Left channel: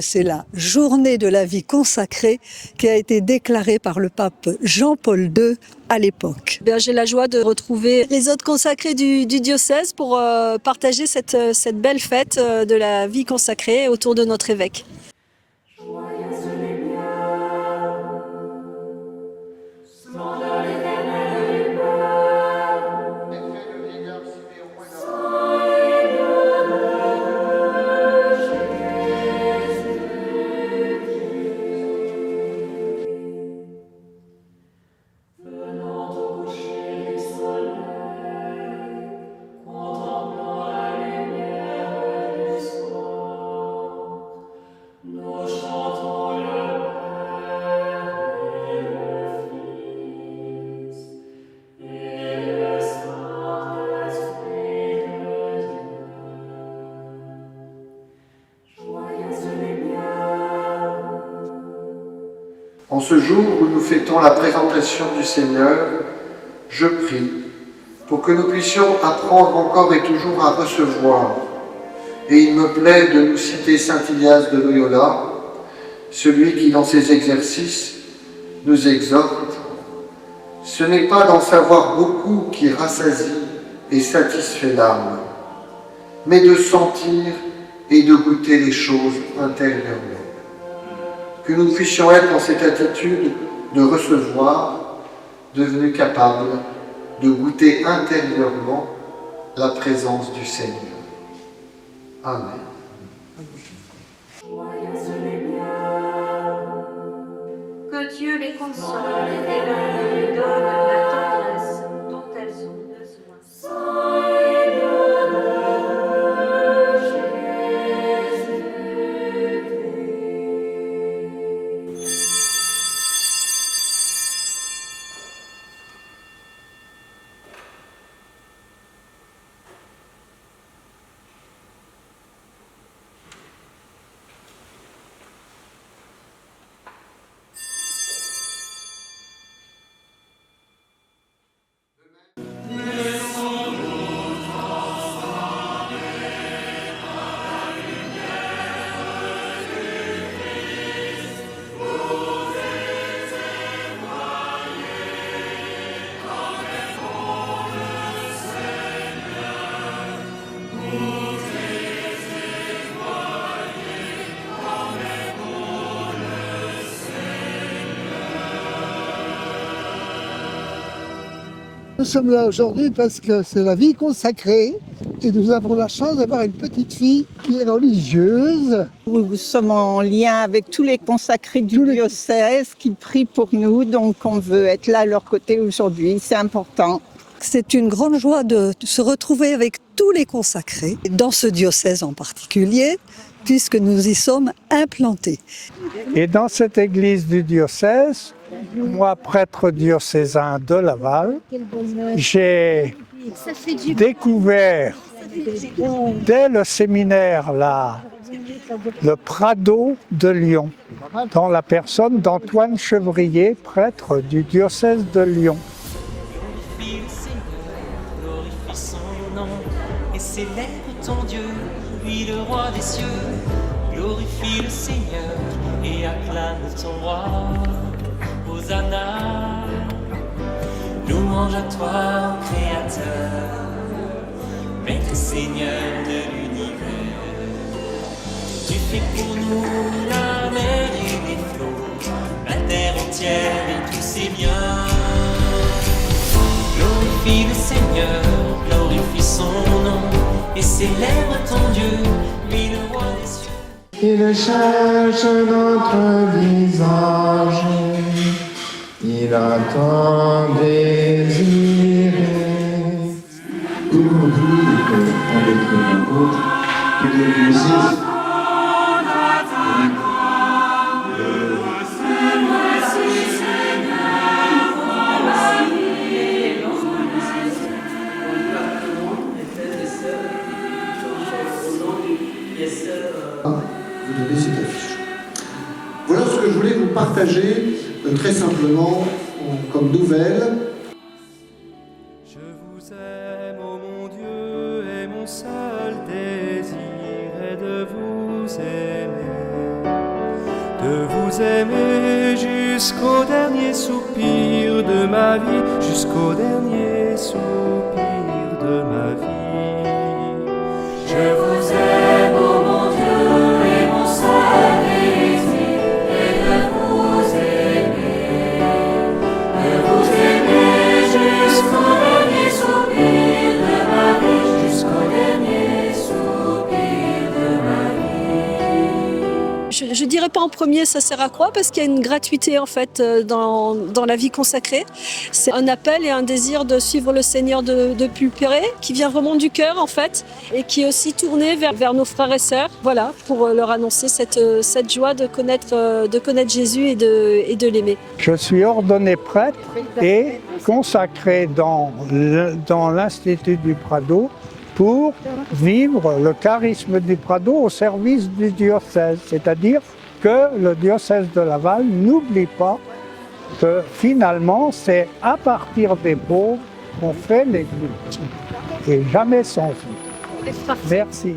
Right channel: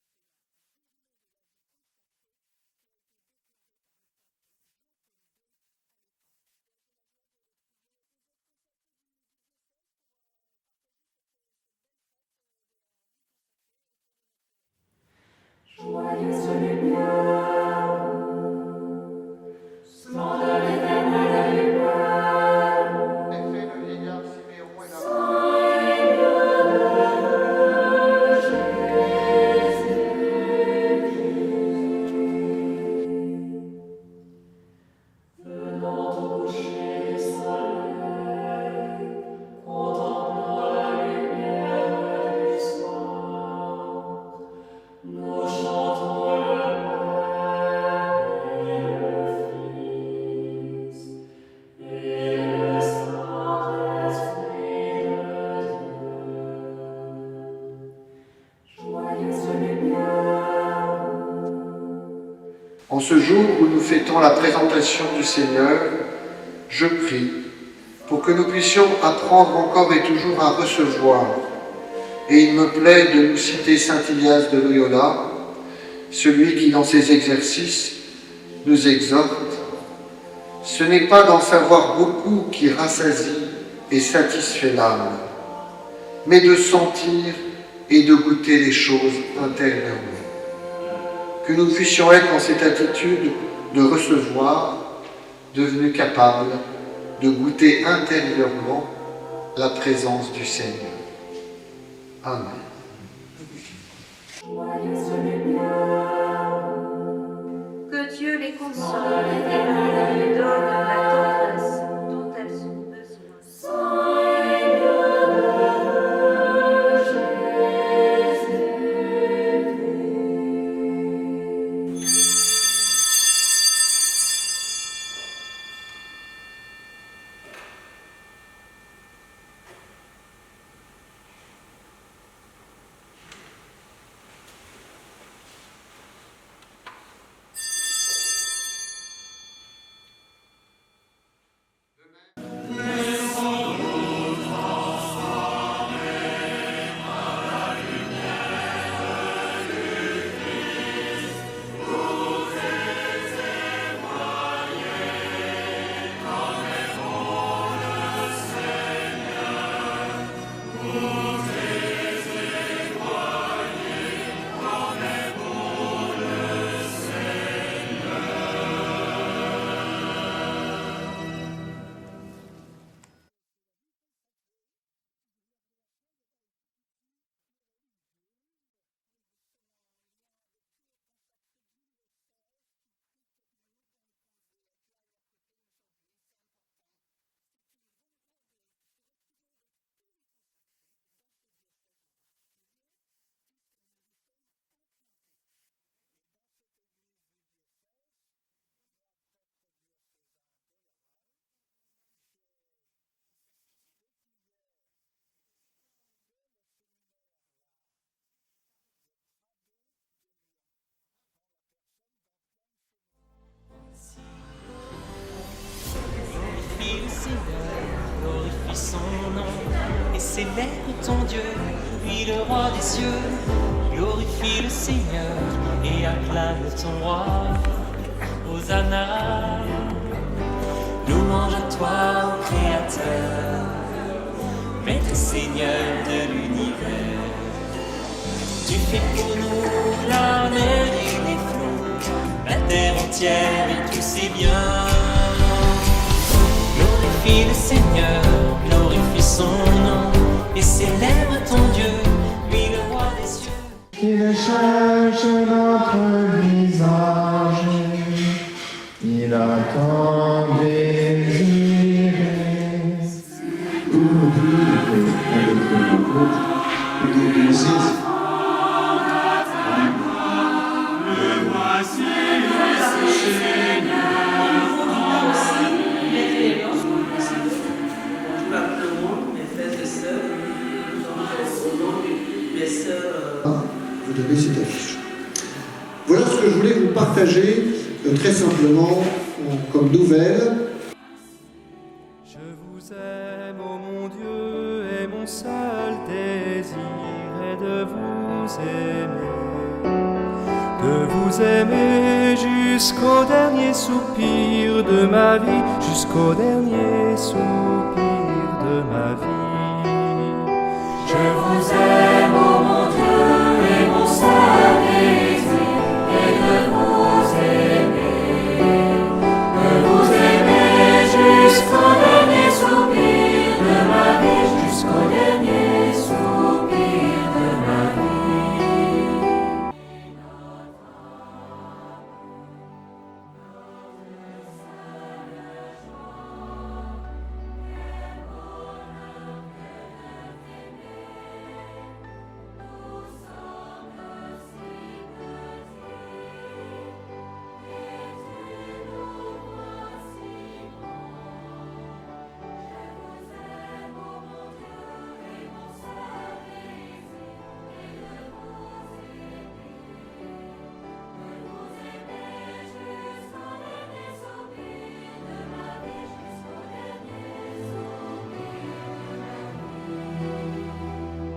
C'est la journée de la vie consacrée qui a été déclarée par le pape Jean-Paul II à l'époque. J'ai la joie de retrouver les autres consacrés du diocèse pour partager cette belle fête de la vie consacrée autour de notre évêque. En ce jour où nous fêtons la présentation du Seigneur, je prie pour que nous puissions apprendre encore et toujours à recevoir. Et il me plaît de nous citer saint Ilias de Loyola, celui qui dans ses exercices nous exhorte. Ce n'est pas d'en savoir beaucoup qui rassasie et satisfait l'âme, mais de sentir et de goûter les choses intérieurement. Que nous puissions être dans cette attitude de recevoir, devenus capables de goûter intérieurement la présence du Seigneur. Amen. Que Dieu les console et lui donne la tendresse dont elles ont besoin. Nous sommes là aujourd'hui parce que c'est la vie consacrée et nous avons la chance d'avoir une petite fille qui est religieuse. Nous sommes en lien avec tous les consacrés du diocèse qui prient pour nous, donc on veut être là à leur côté aujourd'hui, c'est important. C'est une grande joie de se retrouver avec tous les consacrés, dans ce diocèse en particulier, puisque nous y sommes implantés. Et dans cette église du diocèse, moi, prêtre diocésain de Laval, j'ai découvert dès le séminaire là, le Prado de Lyon, dans la personne d'Antoine Chevrier, prêtre du diocèse de Lyon. Glorifie le Seigneur, glorifie son nom, et célèbre ton Dieu, lui le roi des cieux. Glorifie le Seigneur et acclame ton roi. Hosanna, louange à toi, ô Créateur, Maître Seigneur de l'univers. Tu fais pour nous la mer et les flots, la terre entière et tous ses biens. Glorifie le Seigneur, glorifie son nom, et célèbre ton Dieu, lui le roi des cieux. Il cherche notre visage, il attend désiré. Aujourd'hui, avec l'apôtre, et que le diocèse vous donnez cette affiche. Voilà ce que je voulais vous partager très simplement comme nouvelle. Je vous aime, ô mon Dieu, et mon seul désir est de vous aimer. de vous aimer jusqu'au dernier soupir de ma vie, jusqu'au dernier soupir de ma vie. Je vous aime, ô mon Dieu et mon Saint-Esprit, et de vous aimer jusqu'au dernier soupir de ma vie, jusqu'au dernier soupir de ma vie. Je dirais pas en premier ça sert à quoi, parce qu'il y a une gratuité en fait dans la vie consacrée. C'est un appel et un désir de suivre le Seigneur de plus près, qui vient vraiment du cœur en fait, et qui est aussi tourné vers nos frères et sœurs, voilà, pour leur annoncer cette joie de connaître Jésus et de l'aimer. Je suis ordonné prêtre et consacré dans l'Institut du Prado pour vivre le charisme du Prado au service du diocèse. C'est-à-dire que le diocèse de Laval n'oublie pas que finalement c'est à partir des pauvres qu'on fait l'Église et jamais sans eux. Merci.